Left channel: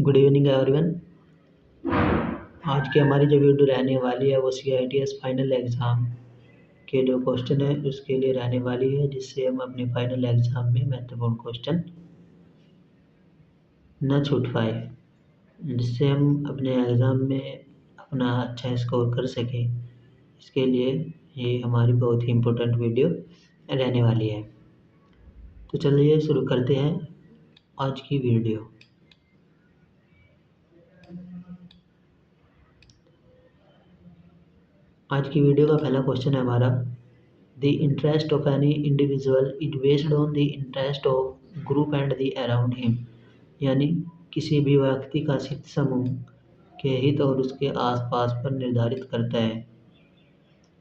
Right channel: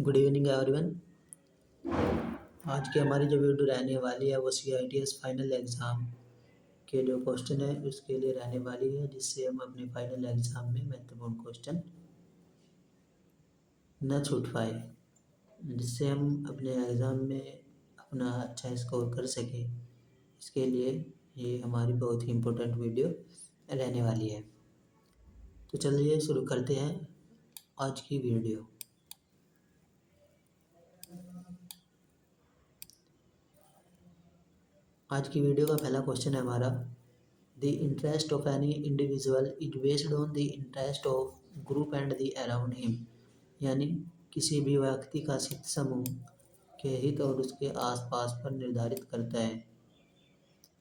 Good evening everyone. आज की हमारी जो वीडियो रहने वाली है वो CITS फाइनल एग्ज़ाम के जो क्वेश्चन है उसके लिए रहने वाली है, जिससे हम अपने फाइनल एग्ज़ाम में महत्वपूर्ण क्वेश्चन न छूट पाए, जिससे हम अपने एग्ज़ाम में अपना अच्छा स्कोर कर सकें। इसके लिए ये हमारी बहुत ही इम्पोर्टेंट वीडियो रहने वाली है। तो चलिए शुरू करते हैं आज की वीडियो। आज की वीडियो का पहला क्वेश्चन है हमारा, the interest of any individual is based on the interest of group and the around him. यानी किसी भी व्यक्ति का हित समूह के हित और उसके आसपास पर निर्धारित करता है।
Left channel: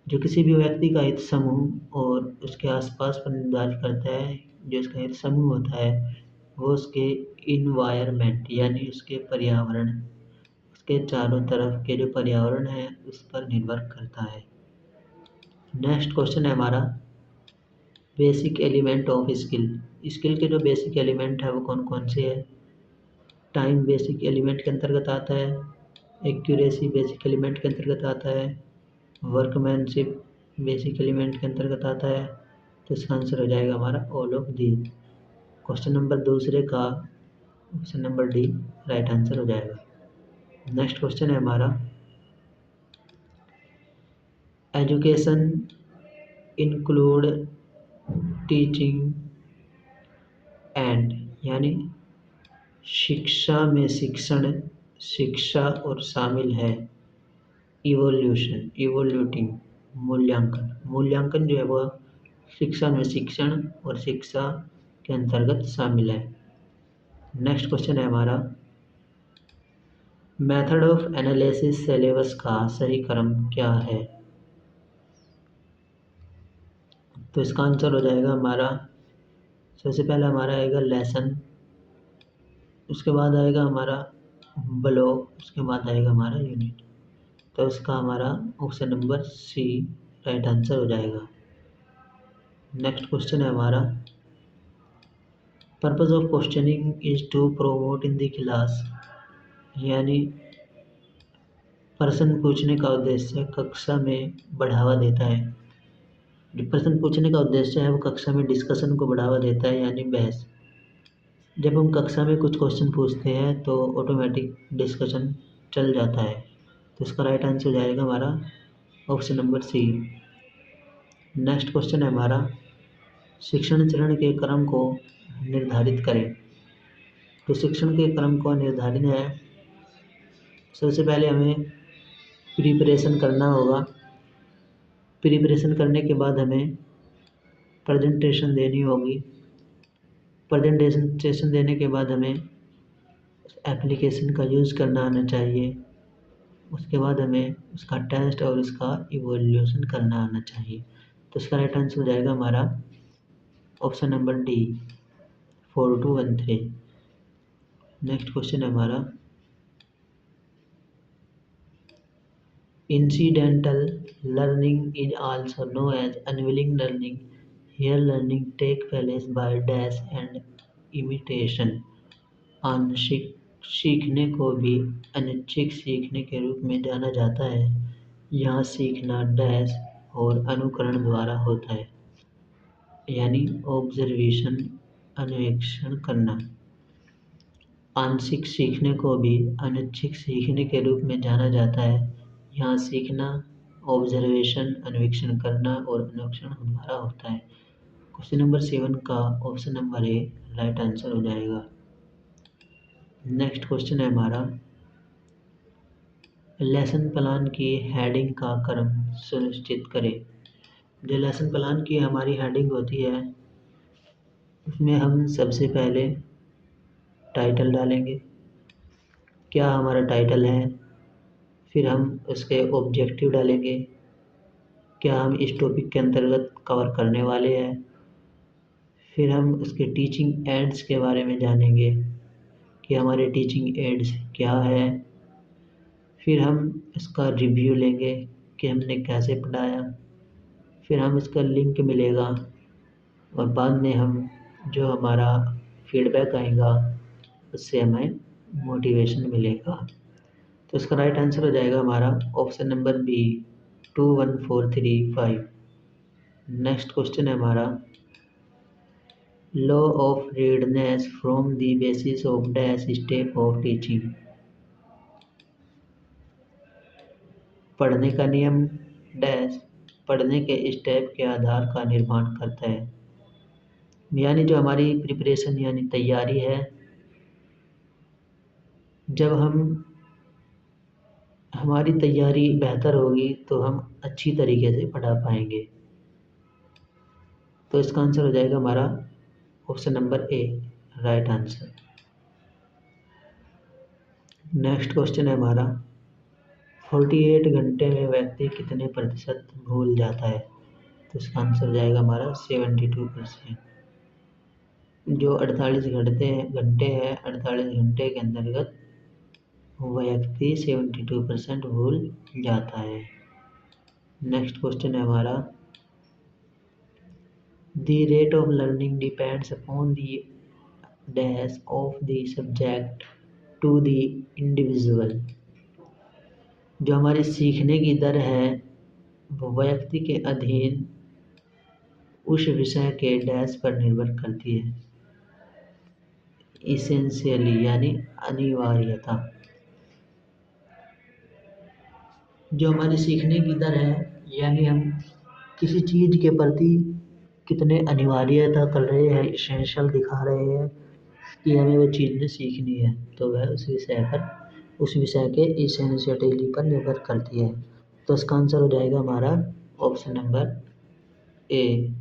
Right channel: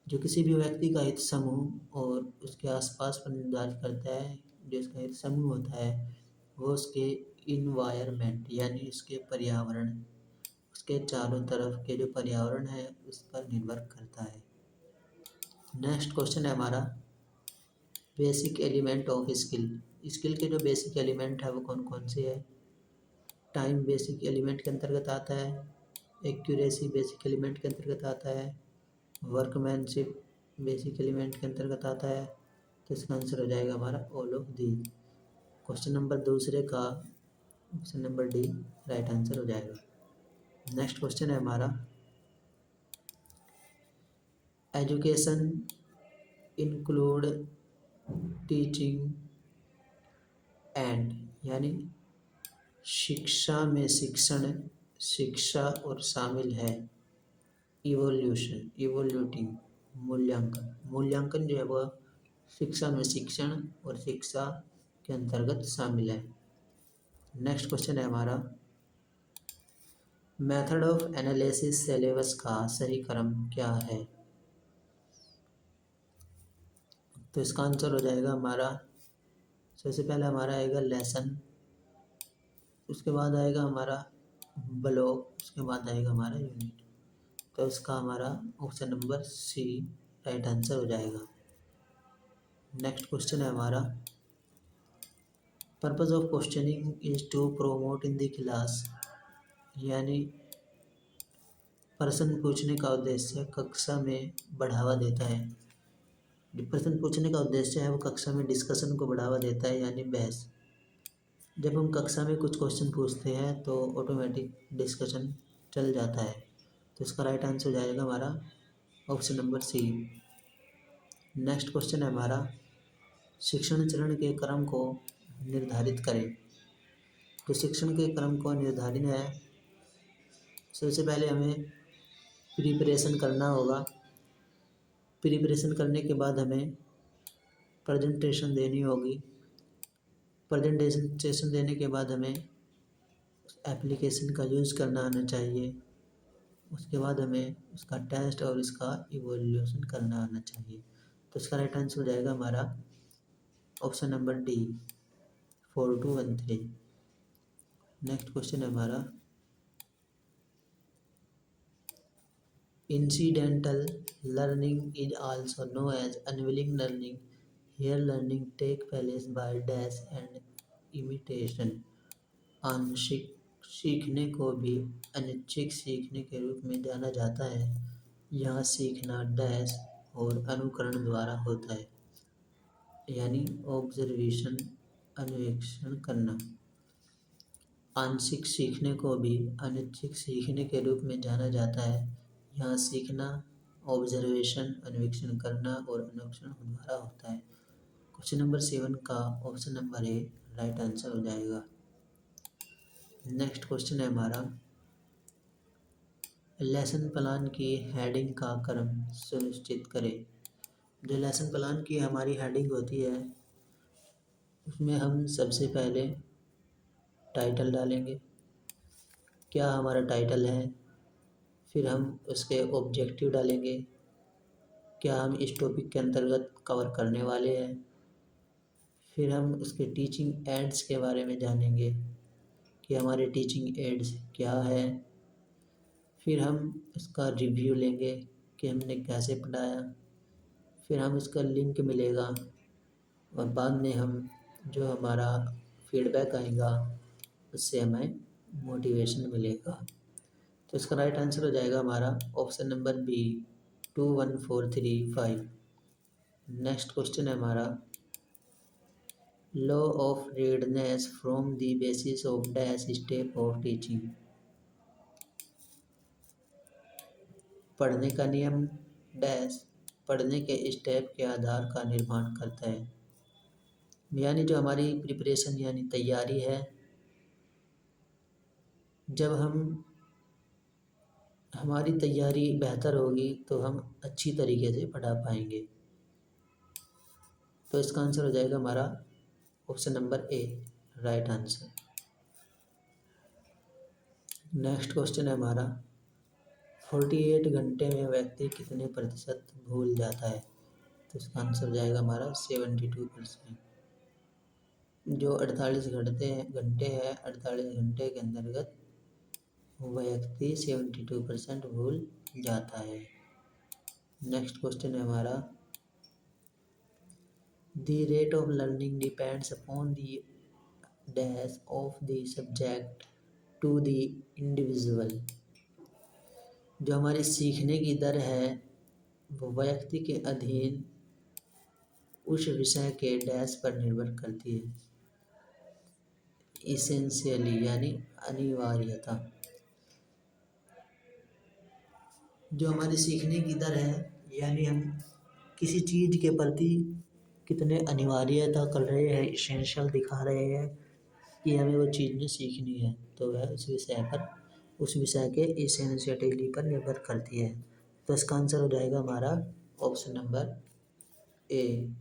जो किसी भी व्यक्ति का हित समूह और उसके आसपास पर निर्धारित करता है, जो उसका हित समूह होता है वो उसके इन्वायरमेंट यानी उसके पर्यावरण, उसके चारों तरफ के जो पर्यावरण है उस पर निर्भर करता है। नेक्स्ट क्वेश्चन है हमारा, बेसिक एलिमेंट ऑफ स्किल के जो बेसिक एलिमेंट है वो कौन कौन से है। टाइम बेसिक एलिमेंट के अंतर्गत आता है, एक्यूरेसी बेसिक एलिमेंट के अंतर्गत आता है, वर्कमैनशिप बेसिक एलिमेंट के अंतर्गत आता है। तो इसका आंसर हो जाएगा हमारा all of the. Question number दूसरे का option number D right answer हो जाएगा। नेक्स्ट क्वेश्चन है हमारा, एजुकेशन इंक्लूड टीचिंग एंड, यानी शिक्षा में शिक्षा और शामिल है इवोल्यूटिंग मूल्यांकन जो है वह शिक्षा में शिक्षण और शिक्षा के अंतर्गत शामिल है। नेक्स्ट क्वेश्चन है हमारा, मेथड ऑफ एनालिसिस सिलेबस का सही क्रम क्या है। तो इसका आंसर हो जाएगा हमारा, सबसे पहले हमारा आएगा लेसन, उसके बाद आएगा हमारा ब्लॉक, उसके बाद आएगा हमारा यूनिट। तो इसका हमारा option number C right answer हो जाएगा। नेक्स्ट क्वेश्चन है हमारा, purpose of questioning is to promote in the class, यानी प्रश्न पूछने का उद्देश्य कक्षा में बढ़ावा देता है। जो प्रश्न पूछने का उद्देश्य है वो कक्षा में डिस्कशन को बढ़ावा देता है, यानी बहस। जब हम कक्षा में कुछ क्वेश्चन पूछते हैं तो ऑटोमेटिक डिस्कशन चल जाता है। तो इसका राइट आंसर हो जाएगा हमारा option number C. Next question है हमारा, शिक्षण चरण के क्रम को निर्धारित करें। तो शिक्षण के क्रम को निर्धारित है, सबसे पहले हमें प्रिपरेशन करना होगा। प्रिपरेशन करने के बाद हमें प्रेजेंटेशन देनी होगी। प्रेजेंटेशन देने के बाद हमें एप्लीकेशन का यूज़ करना आना चाहिए। उसके बाद हमें उसका टेस्ट और उसका इवोल्यूशन करना आना चाहिए। तो इसका राइट आंसर हो जाएगा हमारा option number D 4213। Next question है हमारा, incidental learning is also known as unwilling learning. Here learning take place by dash and imitation. आंशिक सीखने को भी अनैच्छिक सीखने के रूप में जाना जाता है। यहाँ सीखना डैश और अनुकरण द्वारा होता है, यानी ऑब्जर्वेशन अन्वेषण करना। आंशिक सीखने को भी अनैच्छिक सीखने के रूप में जाना जाता है। यहाँ सीखना ऑब्जर्वेशन अन्वेषण करना और अनुकरण द्वारा होता है। क्वेश्चन नंबर 7 का option number A right answer हो जाएगा। नेक्स्ट क्वेश्चन है हमारा, लेसन प्लान की हेडिंग का क्रम सुनिश्चित करें। जो लेसन प्लान की हमारी हेडिंग होती है उसमें हम सबसे पहले टाइटल डालेंगे, क्या हमारा टाइटल है। फिर हम उसके ऑब्जेक्टिव डालेंगे, क्या हम इस टॉपिक के अंतर्गत कवर करने वाले हैं। फिर हम उसके टीचिंग एड्स के बारे में जानेंगे कि हमारे टीचिंग एड्स क्या है। फिर हम इसका रिव्यू लेंगे कि हमने कैसे पढ़ाया। फिर हम इसका लिंक मिलेगा और बाद में हम जो हमारा फीडबैक आएगा उससे हमें मोटिवेशन मिलेगा। तो इसका राइट आंसर हो जाएगा हमारा option number B 21435। Next question है हमारा law of readiness from the basis of dash step of teaching. पढ़ने का नियम डैश पढ़ने के स्टेप के आधार का निर्माण करता है। यानी जो हमारी प्रिपरेशन यानी तैयारी है, जब हमारी तैयारी बेहतर होगी तो हम अच्छी तरीके से पढ़ा पाएंगे। तो इसका आंसर हो जाएगा हमारा option number A right answer. Next question है हमारा 48 घंटे में व्यक्ति कितने प्रतिशत भूल जाता है। तो इसका आंसर हो जाएगा हमारा 72%। जो 48 घंटे हैं 48 घंटे के अंतर्गत व्यक्ति 72% भूल जाता है। नेक्स्ट क्वेश्चन है हमारा the rate of learning depends upon the dash of the subject to the individual. जो हमारी सीखने की दर है वो व्यक्ति के अधीन उस विषय के डैश पर निर्भर करती है। इसेंशियली यानी अनिवार्यता। जो हमारी सीखने की दर है यानी हम किसी चीज़ के प्रति कितने अनिवार्यता कर रहे हैं, इसेंशियल दिखा रहे हैं कि हमें वो चीज़ सीखनी है, तो वह उस विषय के इसेंशियलिटी पर निर्भर करती है। तो इसका आंसर हो जाएगा हमारा option number A.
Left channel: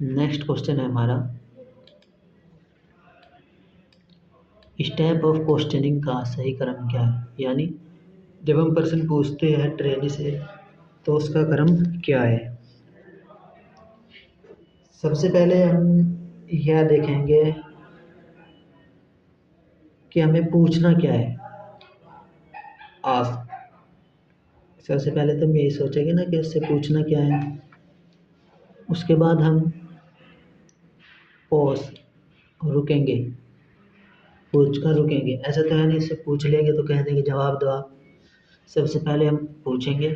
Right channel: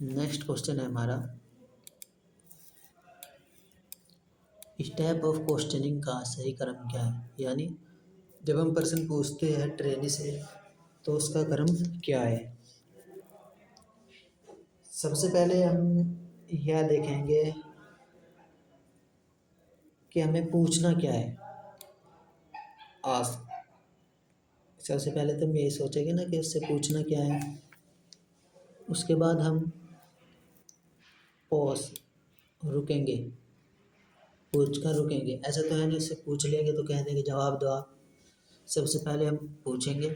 Next question है हमारा स्टेप ऑफ क्वेश्चनिंग का सही क्रम क्या है। यानी जब हम प्रश्न पूछते हैं ट्रेनी से तो उसका क्रम क्या है। सबसे पहले हम यह देखेंगे कि हमें पूछना क्या है। आज सबसे पहले तो हम यही सोचेंगे ना कि उससे पूछना क्या है। उसके बाद हम पॉज रुकेंगे, पूछ कर रुकेंगे। ऐसा तो है नहीं इससे पूछ लेंगे तो कह देंगे जवाब दो आप। सबसे पहले हम पूछेंगे,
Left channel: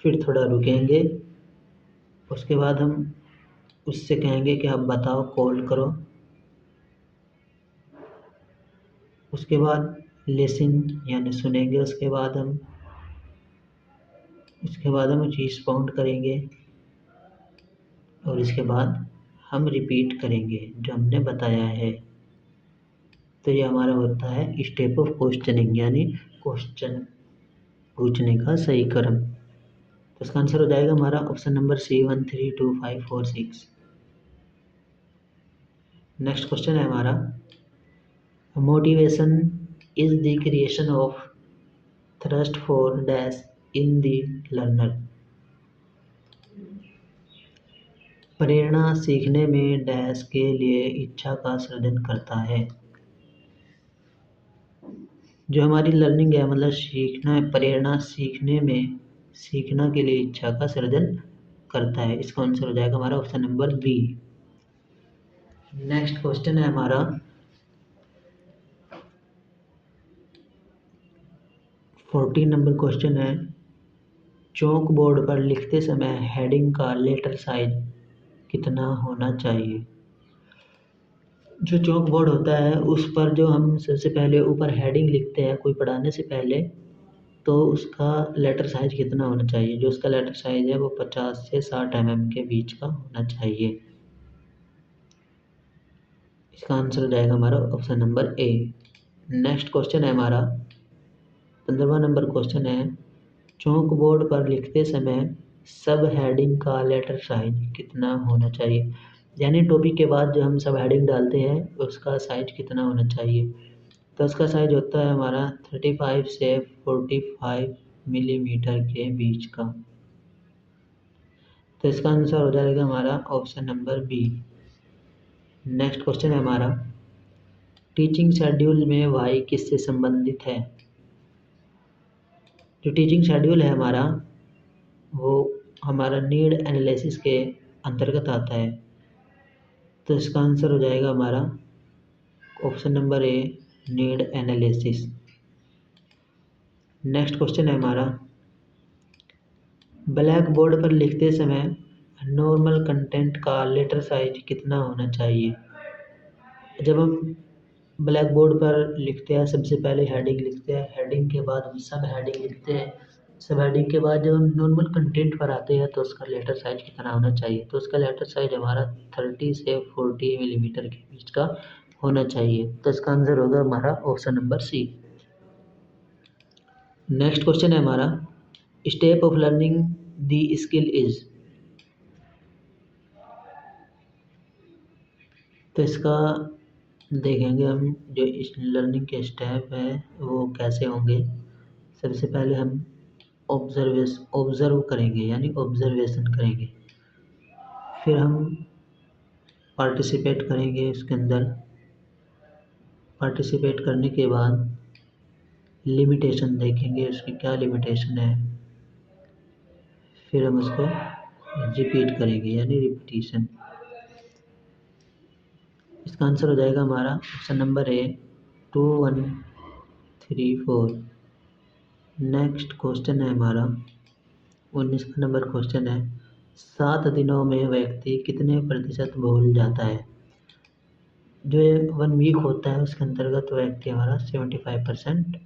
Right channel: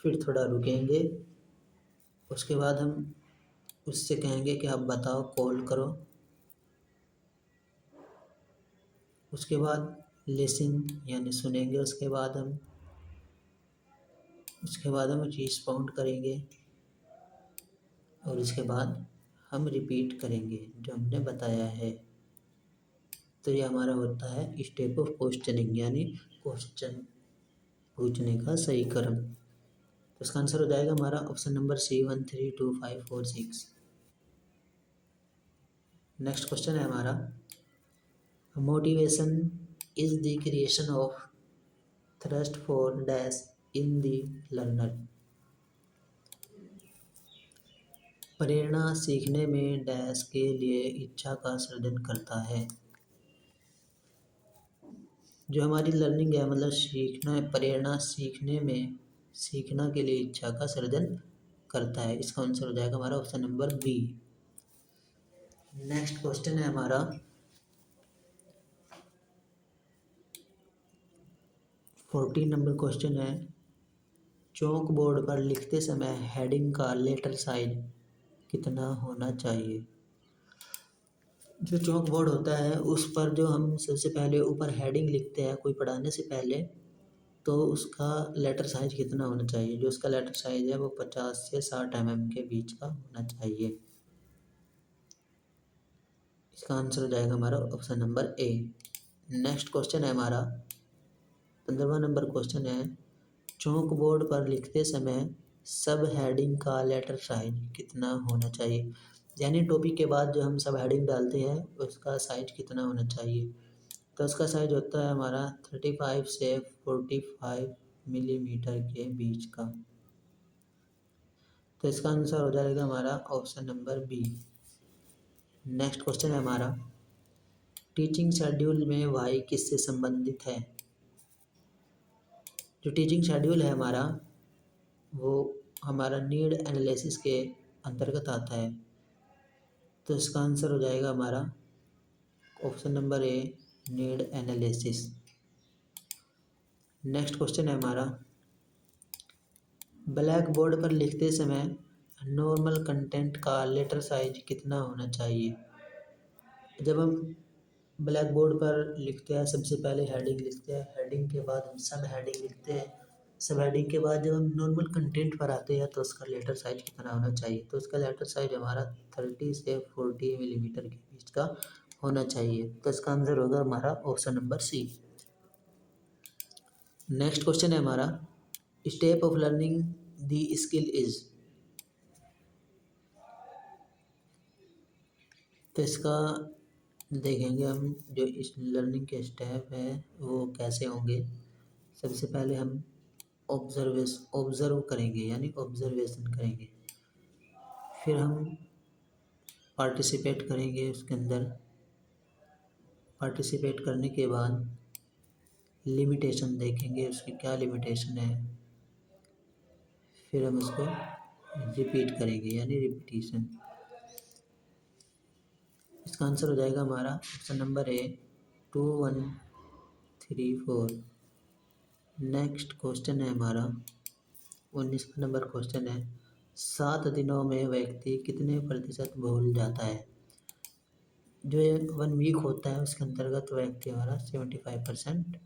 फिर थोड़ा रुकेंगे, उसके बाद हम उससे कहेंगे कि आप बताओ, कॉल करो। उसके बाद लिसन यानी सुनेंगे। उसके बाद हम रिस्पॉन्ड करेंगे और इसके बाद हम रिपीट करेंगे जो हमने बताया है। तो ये हमारा होता है स्टेप ऑफ क्वेश्चनिंग यानी क्वेश्चन पूछने का सही क्रम। तो इसका आंसर हो जाएगा हमारा option number C 1 3 2 5 4 6। Next question है हमारा motivation is the creation of thrust for dash in the learner. प्रेरणा सीखने में डैश के लिए इच्छा का सृजन करता है। जो हमारी लर्निंग है मतलब सीखना है, प्रेरणा सीखना के लिए इच्छा का सृजन करता है। इसका आंसर हो जाएगा हमारा option number B. Next question है हमारा 14 नंबर क्वेश्चन है चौक बोर्ड पर लिखते समय हेडिंग का लेटर साइज कितना होना चाहिए। जो चौक बोर्ड होता है उस पर जो हम सबसे पहले ऊपर हेडिंग लिखते हैं कोई पढ़ाने से पहले, तो उसका लेटर साइज कितना होना चाहिए। जो उसका लेटर साइज है वो 50 से 60 mm के बीच का होना चाहिए। इसका आंसर हो जाएगा हमारा option number A. Next question है हमारा 15वां नंबर क्वेश्चन है चौक बोर्ड पर लिखते समय सब हेडिंग का लेटर साइज कितना होना चाहिए। यानी टॉपिक के बाद जो हम सब हेडिंग डालते हैं उसका साइज कितना होना चाहिए। तो उसका साइज होता है हमारा 35 से 45 मिलीमीटर के बीच का। तो इसका आंसर हो जाएगा हमारा option number B. Next question है हमारा टीचिंग शेड्यूल में वाई किससे संबंधित है। जो टीचिंग शेड्यूल है हमारा वो हमारा नीड एनालिसिस के अंतर्गत आता है। तो इसका आंसर हो जाएगा हमारा option number a need analysis. Next question है हमारा, ब्लैक बोर्ड पर लिखते समय नॉर्मल कंटेंट का लेटर साइज कितना होना चाहिए। जब हम ब्लैक बोर्ड पर लिखते हैं सबसे पहले हेडिंग लिखते हैं, हेडिंग के बाद हम सब हेडिंग लिखते हैं, सब हेडिंग के बाद जब हम नॉर्मल कंटेंट पर आते हैं तो उसका लेटर साइज कितना होना चाहिए। तो उसका लेटर साइज हमारा 30 से 40 मिलीमीटर के बीच का होना चाहिए। तो इसका आंसर होगा हमारा option number C. Next question है हमारा, step of learning the skill is. तो इसका देखेंगे हम जो इस लर्निंग के स्टेप है वो कैसे होंगे। सबसे पहले हम ऑब्जर्व करेंगे यानी ऑब्जर्वेशन करेंगे, फिर हम पार्टिसिपेट करेंगे उसके अंदर, पार्टिसिपेट करने के बाद लिमिटेशन देखेंगे उसकी क्या लिमिटेशन है, फिर हम उसको रिपीट करेंगे यानी रिपीटिशन। इसका आंसर हो जाएगा हमारा option number A 2 1 3 4। Next question है हमारा 19वां नंबर क्वेश्चन है, 7 दिनों में व्यक्ति कितने प्रतिशत भूल जाता है। जो ये 1 वीक होता है उसके अंतर्गत व्यक्ति हमारा 75%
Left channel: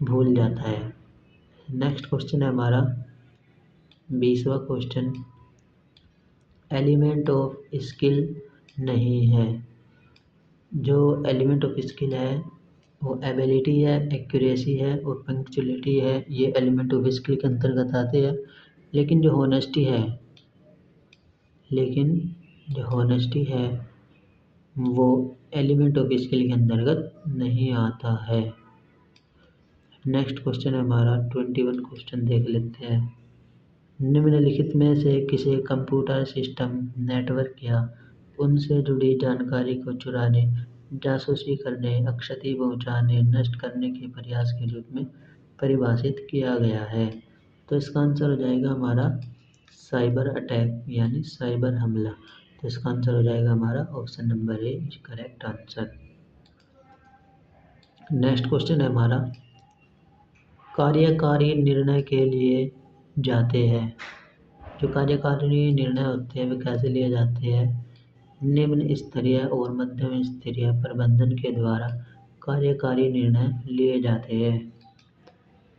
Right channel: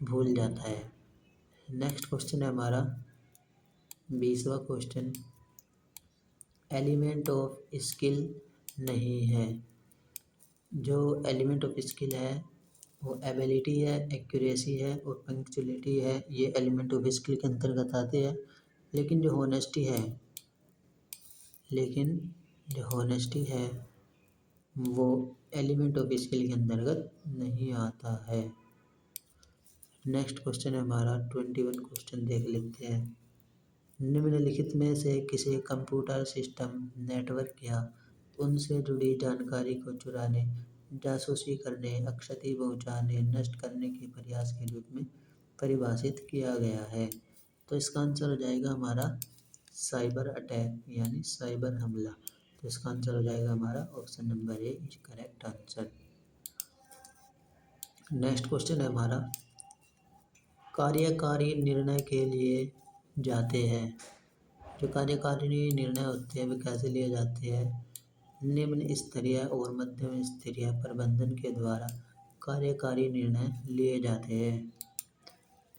भूल जाता है। नेक्स्ट क्वेश्चन है हमारा 20वां क्वेश्चन, एलिमेंट ऑफ स्किल नहीं है। जो एलिमेंट ऑफ स्किल है वो एबिलिटी है, एक्यूरेसी है और पंक्चुअलिटी है, ये एलिमेंट ऑफ स्किल के अंतर्गत आते हैं। लेकिन जो होनेस्टी है वो एलिमेंट ऑफ स्किल के अंतर्गत नहीं आता है। नेक्स्ट क्वेश्चन है हमारा 21 क्वेश्चन देख लेते हैं, निम्नलिखित में से किसी कंप्यूटर सिस्टम, नेटवर्क या उनसे जुड़ी जानकारी को चुराने, जासूसी करने, क्षति पहुंचाने, नष्ट करने के प्रयास के रूप में परिभाषित किया गया है। तो इसका आंसर हो जाएगा हमारा साइबर अटैक यानी साइबर हमला। तो इसका आंसर हो जाएगा हमारा option number A is correct answer. Next question है हमारा, कार्यकारी निर्णय के लिए जाते हैं। जो कार्यकारिणी निर्णय होते हैं वे कैसे लिए जाते हैं, निम्न स्तरीय और मध्यम स्तरीय प्रबंधन के द्वारा कार्यकारी निर्णय लिए जाते हैं।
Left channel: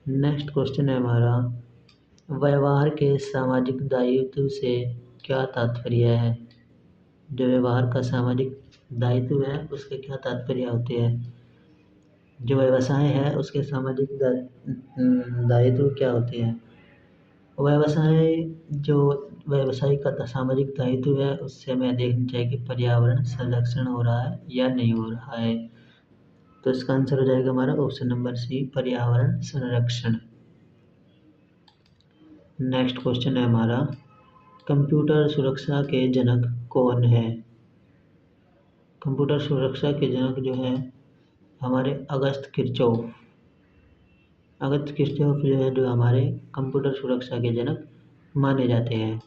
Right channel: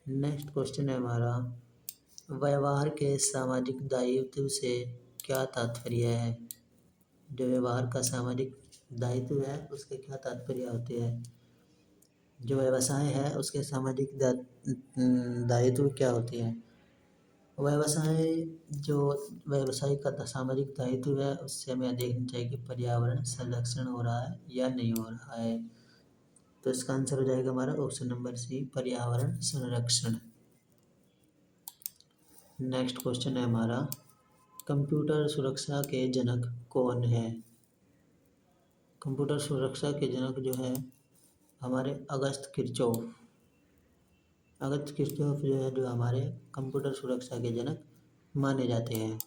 नेक्स्ट क्वेश्चन है हमारा, व्यवहार के सामाजिक दायित्व से क्या तात्पर्य है। जो व्यवहार का सामाजिक दायित्व है उसके क्या तात्पर्य होते हैं। जो व्यवसाय है उसके सामाजिक दायित्व क्या होते हैं। जो व्यवसाय का सामाजिक दायित्व है उससे हमें देखना चाहिए कि पर्यावरण संरक्षण हो रहा है या नहीं हो रहा है। तो इसका आंसर हो जाएगा हमारा ऑप्शन नंबर सी, पर्यावरण संरक्षण। नेक्स्ट क्वेश्चन है हमारा, कंप्यूटर सुरक्षा के जनक कौन है। कंप्यूटर सुरक्षा के जनक जो है हमारे अगस्त किरचॉफ जो है जो हमारे कंप्यूटर सुरक्षा के जनक माने जाते हैं।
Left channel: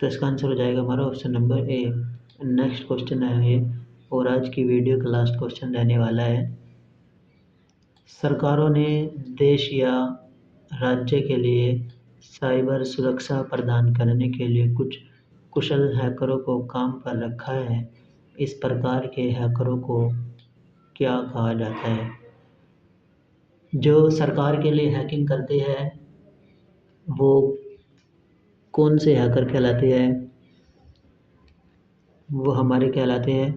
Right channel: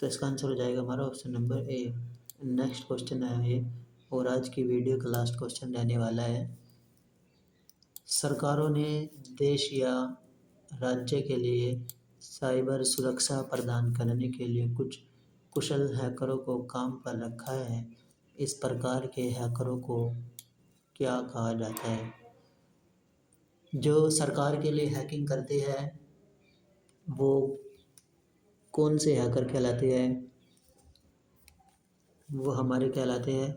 तो इसका आंसर हो जाएगा हमारा option number A. Next question है ये और आज की वीडियो का लास्ट क्वेश्चन रहने वाला है, सरकारों ने देश या राज्य के लिए साइबर सुरक्षा प्रदान करने के लिए कुछ कुशल हैकरों को काम पर रखा है। इस प्रकार के हैकरों को क्या कहा जाता है। जो सरकार के लिए हैकिंग करते हैं वो कौन से हैकर कहलाते हैं। वो हमारे कहलाते हैं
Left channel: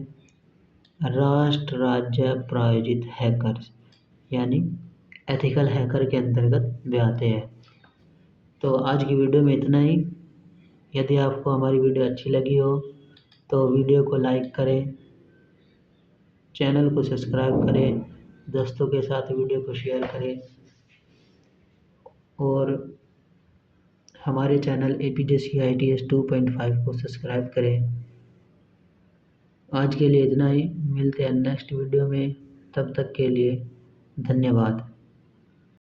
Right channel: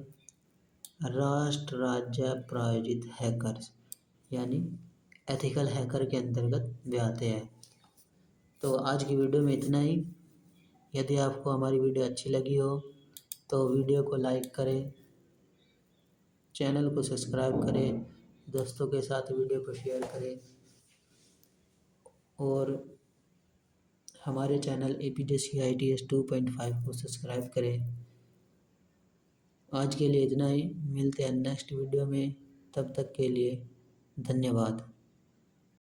राष्ट्र राज्य प्रायोजित हैकर्स यानी एथिकल हैकर के अंतर्गत वे आते हैं। तो आज की वीडियो में इतना ही। यदि आपको हमारी वीडियो अच्छी लगी हो तो वीडियो को लाइक करें, चैनल को सब्सक्राइब करें, दोस्तों के साथ वीडियो को शेयर करें और हमारे चैनल APJCITS 2.5 को सब्सक्राइब करें। आज के लिए इतना ही, मिलते हैं नेक्स्ट वीडियो में, तब तक के लिए धन्यवाद।